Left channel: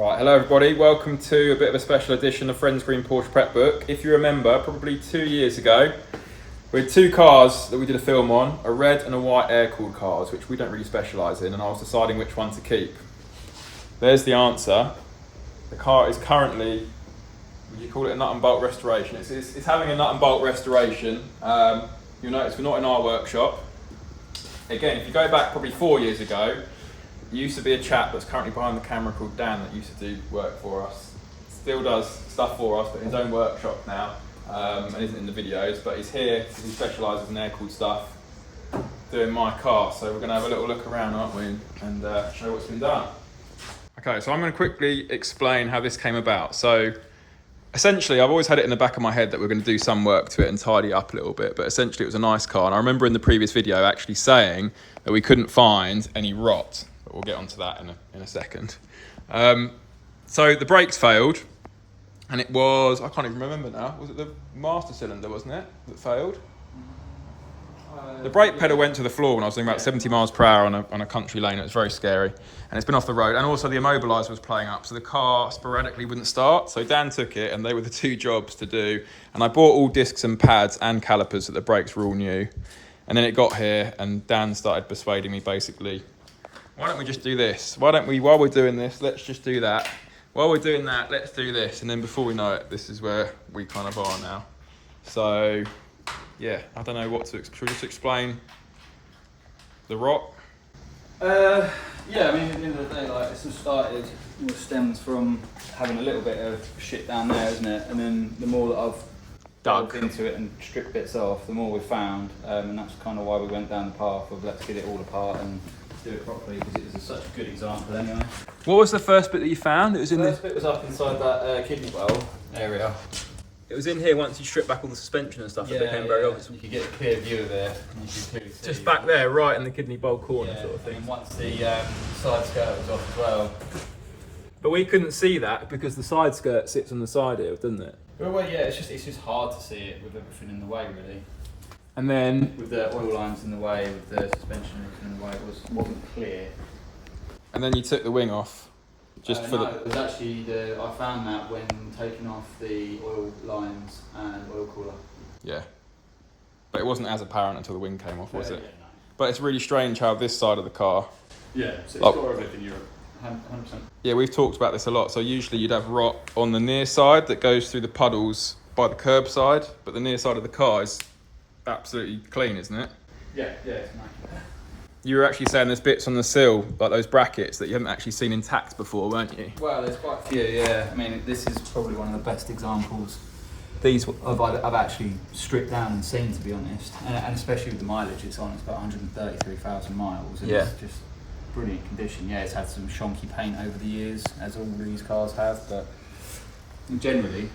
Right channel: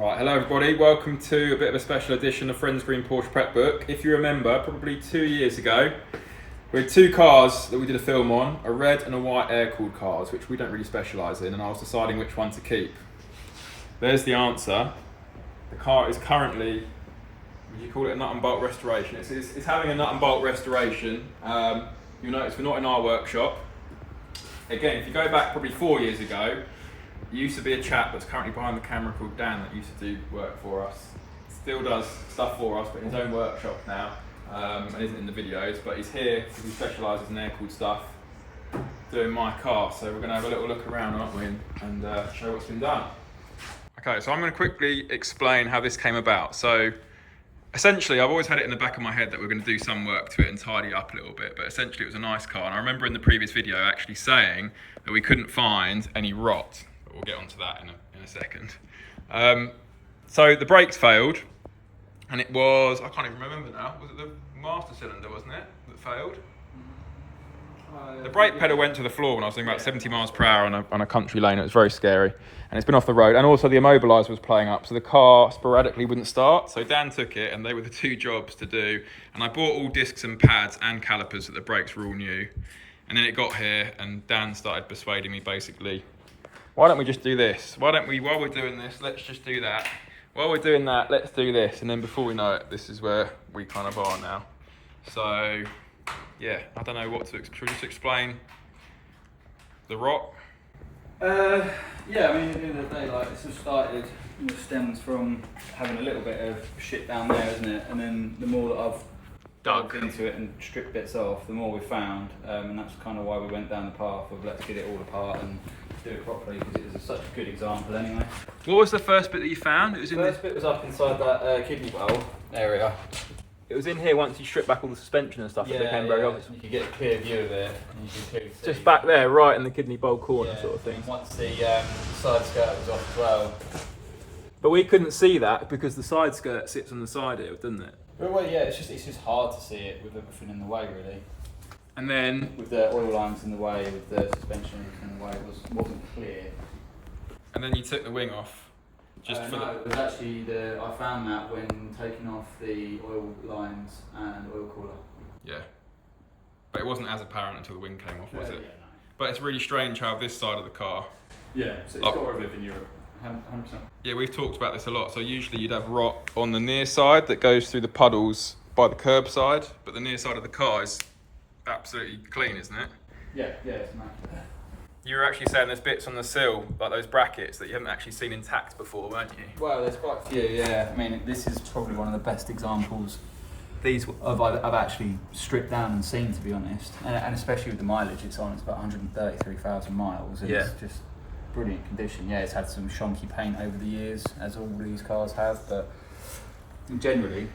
Right, hello everybody, welcome to a bit of a special edition of Friends Green Porsche Prep Book. If you remember, probably 2 years ago, we had two cars that we did a film on, a red and a white air-cooled cars, which we don't really specialise in, and I was deciding which one to keep. There's the answer. The car is currently, would you call it a nut and bolt restoration? It's having a nut and bolt restoration. You'll notice we're not in our workshop. Again, if you go back probably 4 years ago, there used to be a chap that's currently behind the camera called Dan that used to do work for us. Still does stuff for us, but in his own workshop now, and isn't in the videos, but he's here because he specialises in air-cooled stuff, doing my car. So we're going to have a little look around, aren't we, and show what's been done. Okay, so I'm going to quickly explain how this came about. So essentially, I've always had it in the back of my head that we're going to do some work to it and tidy up a little bit, but essentially it was a nice car. And I remember in the previous video actually saying that we couldn't find any rot. We'll get onto that in a second. So the brakes failed, and it was, I can't even remember now, was it the master cylinder, wasn't it, that failed? The brake pedal went to the floor when I was doing about 70 miles per hour on a country lane. It was very scary, and it's been off the road. And also the immobiliser was playing up, so the car sporadically wouldn't start. So Dan took it, and they were the two jobs to do. And I bought all discs and pads and calipers that the brakes were all new. And then it got here, and Dan started persuading me basically, why don't we just do this? Why don't we, while we're doing this, let's just do that. While we're doing that, let's do this. And then before we know it, this is where we kind of are now. So, yeah, I don't know what to, should we just explain the rot? Yeah, I mean, at the end of the day, like, this has started, it stems from having a little bit of shit down there, isn't it? And then the more that I've dug into it and stripped bits off, the more we found. And that's kind of why we went down the path of let's get it all apart and do it properly, because it was such a good example anyway. What was the first bit that you found? It was in the first bit was up inside that kidney bowl area. It was in here once you stripped back all the suspension and stuff. Yeah, it became very obvious. You could get a clear view of it. And you could clearly see. Just back there, right in the kidney bowl corner, sort of thing. And once the side skirt was off as well. But we couldn't see that because the side skirt sits on the side here, doesn't it? Well, yeah, it's just hard to see it with everything in the way, really. And then with the oil lines in the way, with the suspension in the way, it wasn't clear. And then you took the wing off. Just for no, it was actually I found that when taking off the oil lines and oil cooler. Yeah. But it wasn't as apparent until the wing came off, was it? Yeah, no. But it's really strange how this side of the car. Yeah, so it's got everything in Europe. 100%. Yeah, we've talked about this a lot. So usually you'd have rot on the near side that goes through the puddles by the curb side, but the near side of the car is absolutely clean, isn't it? Yeah, it's immaculate. You were actually saying there's bits on the sill, like those brackets, that you haven't actually seen intact before, weren't you? Well, there's quite a few, yeah. I mean, this is probably one of the best examples I've actually stripped down and seen, to be honest. And especially with the mileage it's on, it's about 133,000 miles. And it's just brilliant condition. Yeah, it's had some shonky paint over the years, as all these cars have, but generally,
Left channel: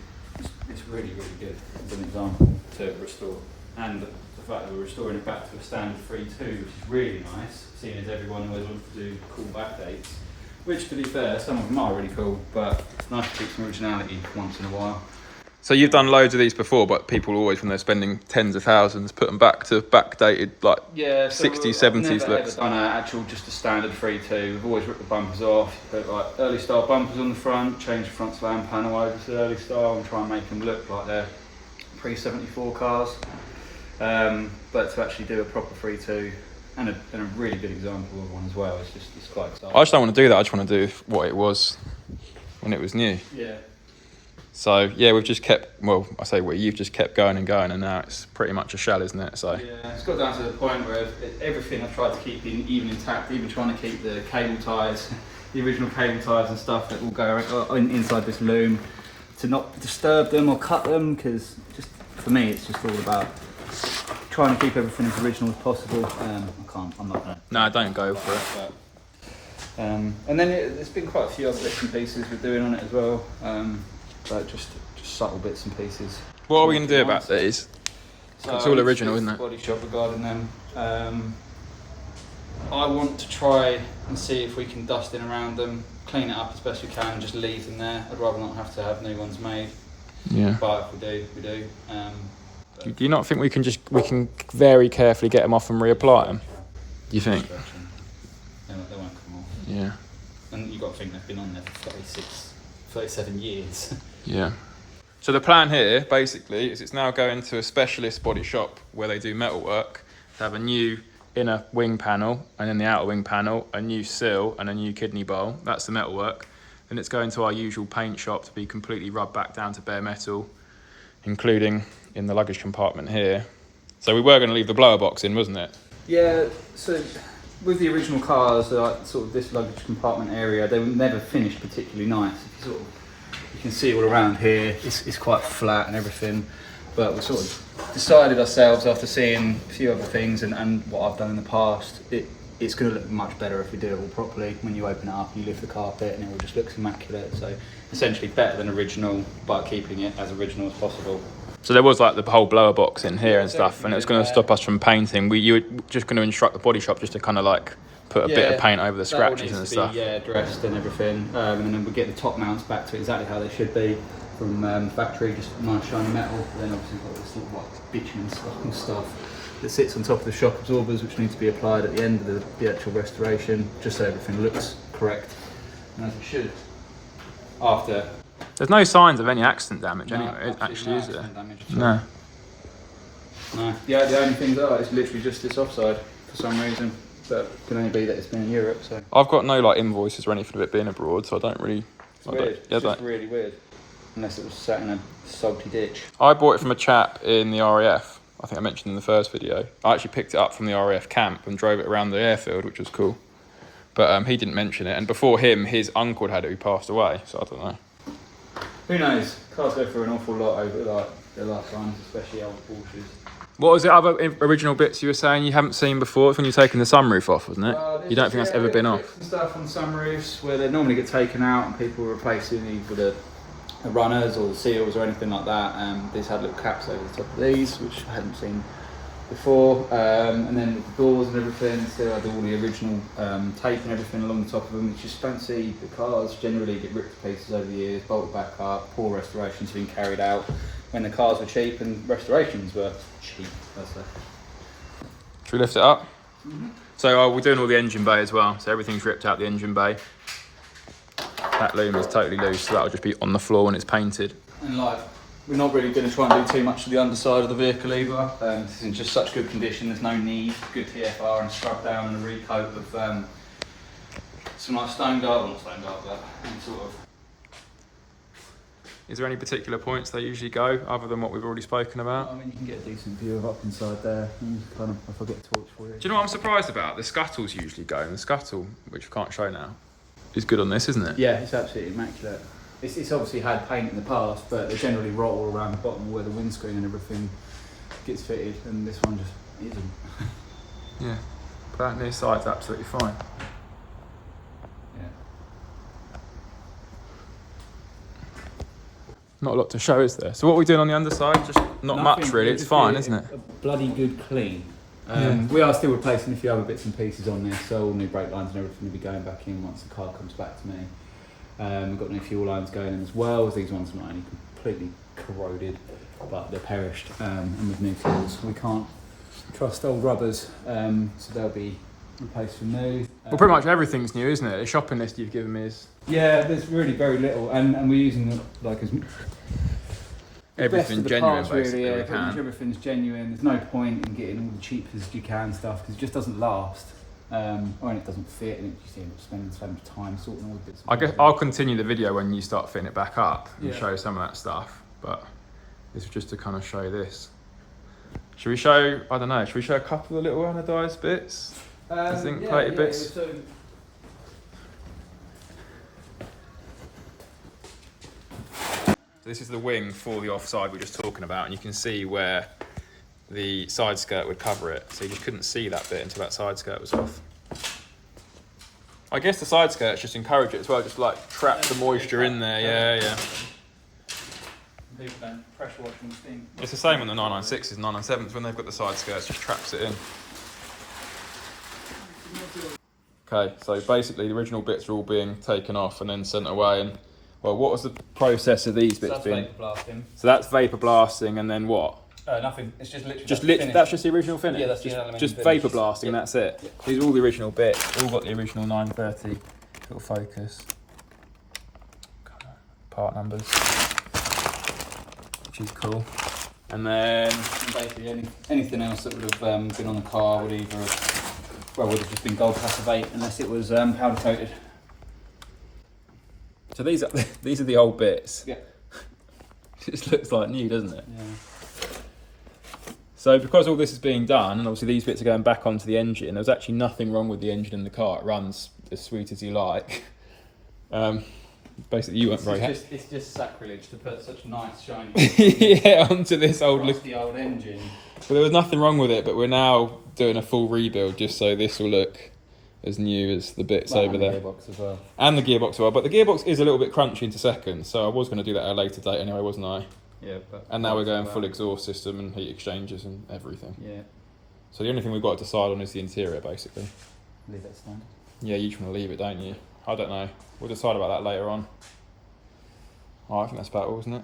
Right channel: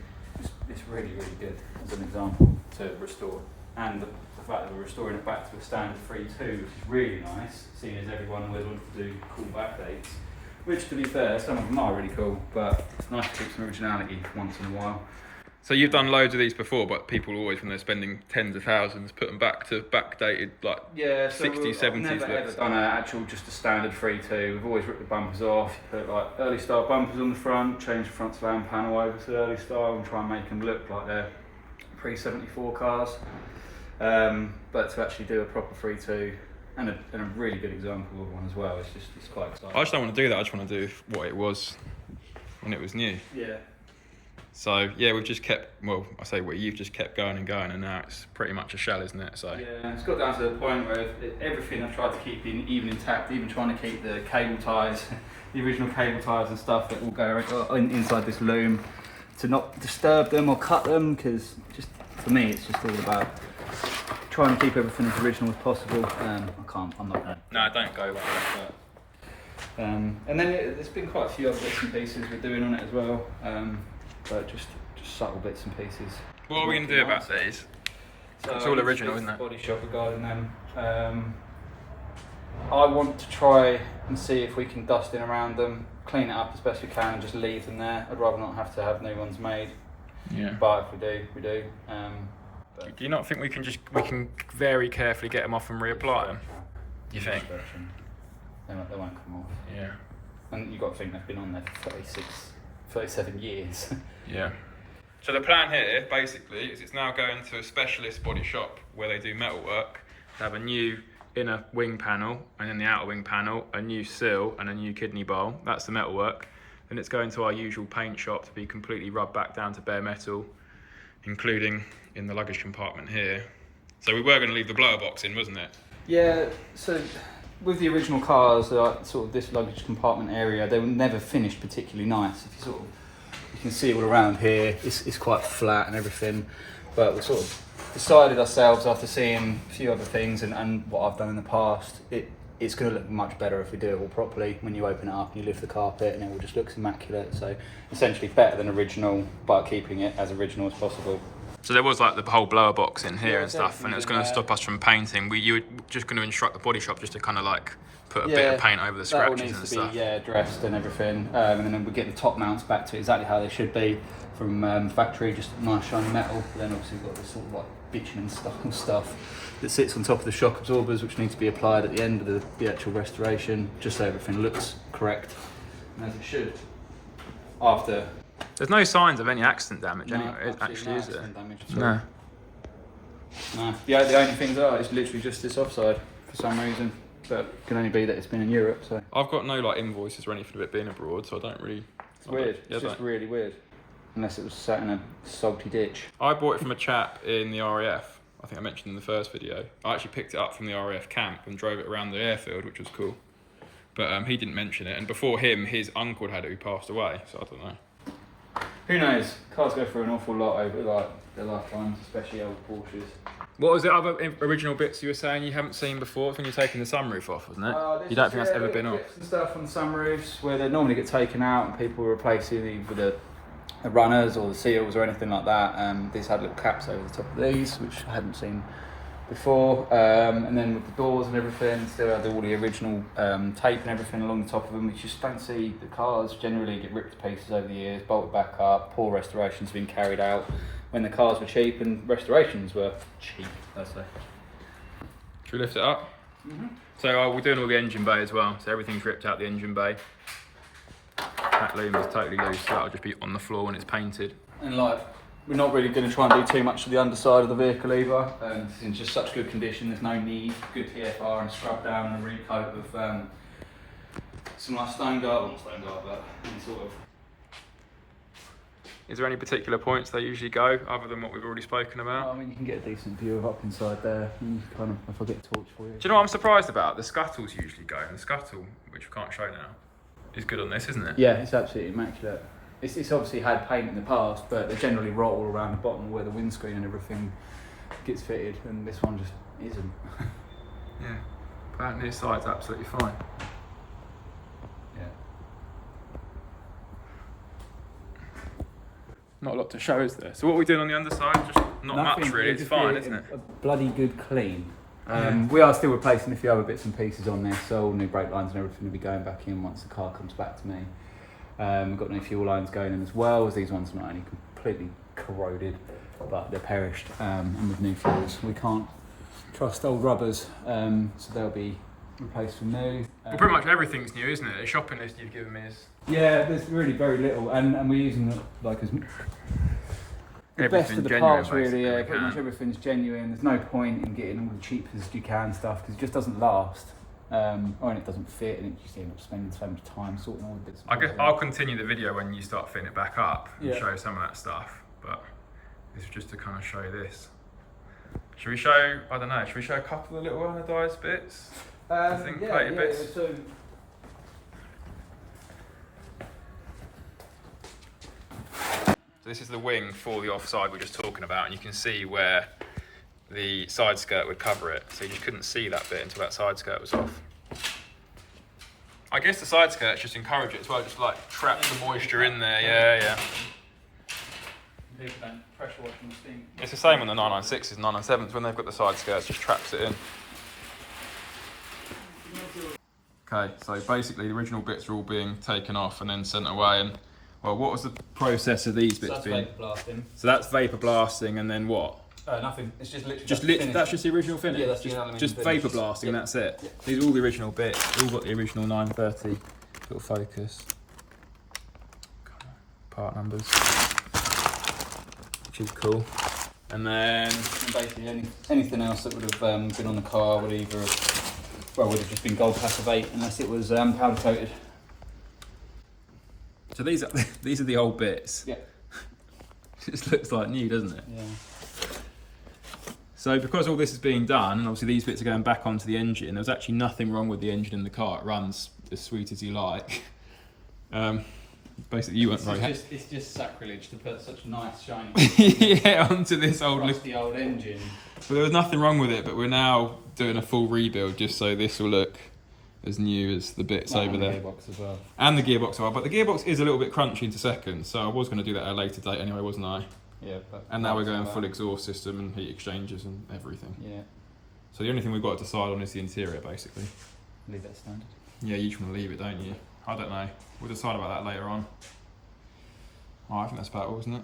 it's really, really good as an example to restore. And the fact that we're restoring it back to a standard 3.2, which is really nice, seeing as everyone was on to do cool back dates. Which, to be fair, some of them are really cool, but it's nice to keep some originality once in a while. So you've done loads of these before, but people always, when they're spending tens of thousands, put them back to backdated, like 60s, 70s looks. I've done just a standard 3.2. We've always ripped the bumpers off, put like early style bumpers on the front, change the front slam panel over to early style and try and make them look like they're pre-74 cars. But to actually do a proper 3.2 and a really good example of one as well, it's quite exciting. I just don't want to do that. I just want to do what it was when it was new. Yeah. So yeah, we've just kept, well, I say you've just kept going and going, and now it's pretty much a shell, isn't it? So yeah, it's got down to the point where everything I've tried to keep even intact, even trying to keep the cable ties, the original cable ties and stuff that will go inside this loom, to not disturb them or cut them, because just for me it's just all about trying to keep everything as original as possible. I'm not going to. No, don't go for it. But, and then there's been quite a few other bits and pieces we're doing on it as well. But just subtle bits and pieces. What are we going to do about these? So it's all original, isn't it? Body shop regarding them. I want to try and see if we can dust in around them, clean it up as best we can, and just leave them there. I'd rather not have to have new ones made. Yeah. But if we do, we do. Do you not think we can very carefully get them off and reapply them? Do you think? They won't come off. Yeah. and you've got to think they've been on there for 37 years. Yeah. So the plan here, basically, is it's now going to a specialist body shop where they do metalwork to have a new inner wing panel, and then the outer wing panel, a new sill and a new kidney bowl. That's the metalwork. Then it's going to our usual paint shop to be completely rubbed back down to bare metal, including in the luggage compartment here. So we were going to leave the blower box in, wasn't it? Yeah, so with the original cars, sort of this luggage compartment area, they were never finished particularly nice. If you can see all around here, it's quite flat and everything, but we sort of decided ourselves after seeing a few other things and what I've done in the past, it's going to look much better if we do it all properly. When you open it up and you lift the carpet and it all just looks immaculate. So essentially better than original by keeping it as original as possible. So there was like the whole blower box in here and stuff, and it was going to stop us from painting. You were just going to instruct the body shop just to kind of like put a bit of paint over the scratches and stuff. Yeah, dressed and everything, and then we get the top mounts back to exactly how they should be from factory, just nice shiny metal. But then obviously we've got this sort of like bitumen stuff that sits on top of the shock absorbers, which need to be applied at the end of the actual restoration, just so everything looks correct and as it should. After. There's no signs of any accident damage No, anyway, actually, is there? Damage at all. No. No. The only things are, it's literally just this offside for some reason, but it can only be that it's been in Europe. So I've got no like invoices or anything of it being abroad, so I don't really. it's weird. It's just really weird. Unless it was sat in a salty ditch. I bought it from a chap in the RAF. I think I mentioned in the first video. I actually picked it up from the RAF camp and drove it around the airfield, which was cool. But he didn't mention it, and before him, his uncle had it who passed away. So I don't know. Who knows? Cars go through an awful lot over like their lifetimes, especially old Porsches. What was the other original bits you were saying you haven't seen before? It's when you're taking the sunroof off, wasn't it? You don't think that's ever been off? Some stuff on the sunroofs where they normally get taken out and people replace it either the runners or the seals or anything like that. These had little caps over the top of these, which I hadn't seen before. And then the doors and everything still had all the original tape and everything along the top of them, which you just don't see. The cars generally get ripped to pieces over the years, bolted back up, poor restorations have been carried out when the cars were cheap and restorations were cheap, let's say. Should we lift it up? Mm-hmm. So we're doing all the engine bay as well, so everything's ripped out the engine bay. That loom is totally loose, so that'll just be on the floor when it's painted. And like, we're not really going to try and do too much to the underside of the vehicle either. This is in just such good condition, there's no need. Good TFR and scrub down and a recoat with some like stone guard, not stone guard, but any sort of. Is there any particular points they usually go, other than what we've already spoken about? I mean, you can get a decent view of up inside there. You kind of, if I get a torch for you. Do you know what I'm surprised about? The scuttles usually go, and the scuttle, which we can't show now, is good on this, isn't it? Yeah, it's absolutely immaculate. It's obviously had paint in the past, but they generally rot all around the bottom where the windscreen and everything gets fitted, and this one just isn't. Yeah, but that near side's absolutely fine. Yeah. Not a lot to show, is there? So what are we doing on the underside? Just not much really, it's fine, isn't it? A bloody good clean. Yeah. We are still replacing a few other bits and pieces on this, so all new brake lines and everything will be going back in once the car comes back to me. We've got new fuel lines going in as well, as these ones are not only completely corroded, but they're perished in with new fuels. We can't trust old rubbers, so they'll be replaced with new. Well, pretty much everything's new, isn't it? The shopping list you've given me is... Yeah, there's really very little, and we're using it like as... Everything genuine, parts, basically, really, we pretty much can. everything's genuine. There's no point in getting all the cheapest you can stuff because it just doesn't last, or it doesn't fit, and you just end up spending so much time sorting all the bits. I guess I'll continue the video when you start fitting it back up and Yeah. show some of that stuff, but this is just to kind of show this. Should we show, I don't know, should we show a couple of the little anodised bits? Zinc plated bits? So So this is the wing for the offside we were just talking about, and you can see where the side skirt would cover it. So you just couldn't see that bit until that side skirt was off. I guess the side skirts just encourage it as well, just like trap the moisture in there. Yeah. pressure washing steam. It's the same on the 996s and 997s. When they've got the side skirts, just traps it in. Okay, so basically the original bits are all being taken off and then sent away. And well, what was the process of these bits That's being? vapor blasting. So that's vapor blasting, and then what? Nothing. It's just literally Just lit. That's just the original finish. Yeah, that's the just, aluminium just finish. vapor blasting, and that's it. Yeah. These are all the original bits. All got the original 930 little focus. Part numbers, which is cool. And then basically anything else that would have been on the car would either would have just been gold class of 8 unless it was powder coated. So these are the old bits. Yeah. This looks like new, doesn't it? Yeah. So because all this is being done, and obviously these bits are going back onto the engine, there was actually nothing wrong with the engine in the car. It runs as sweet as you like. Basically, you weren't very happy. It's just sacrilege to put such nice shiny yeah, onto this old old engine. But there was nothing wrong with it, but we're now doing a full rebuild just so this will look as new as the bits over there. And the gearbox as well. And the gearbox as well. But the gearbox is a little bit crunchy into seconds, so I was going to do that at a later date anyway, wasn't I? Yeah. And now we're going full exhaust system and heat exchangers and everything. Yeah. So the only thing we've got to decide on is the interior, basically. Leave that standard. Yeah, you just want to leave it, don't you? I don't know. We'll decide about that later on. Oh, I think that's about all, isn't it?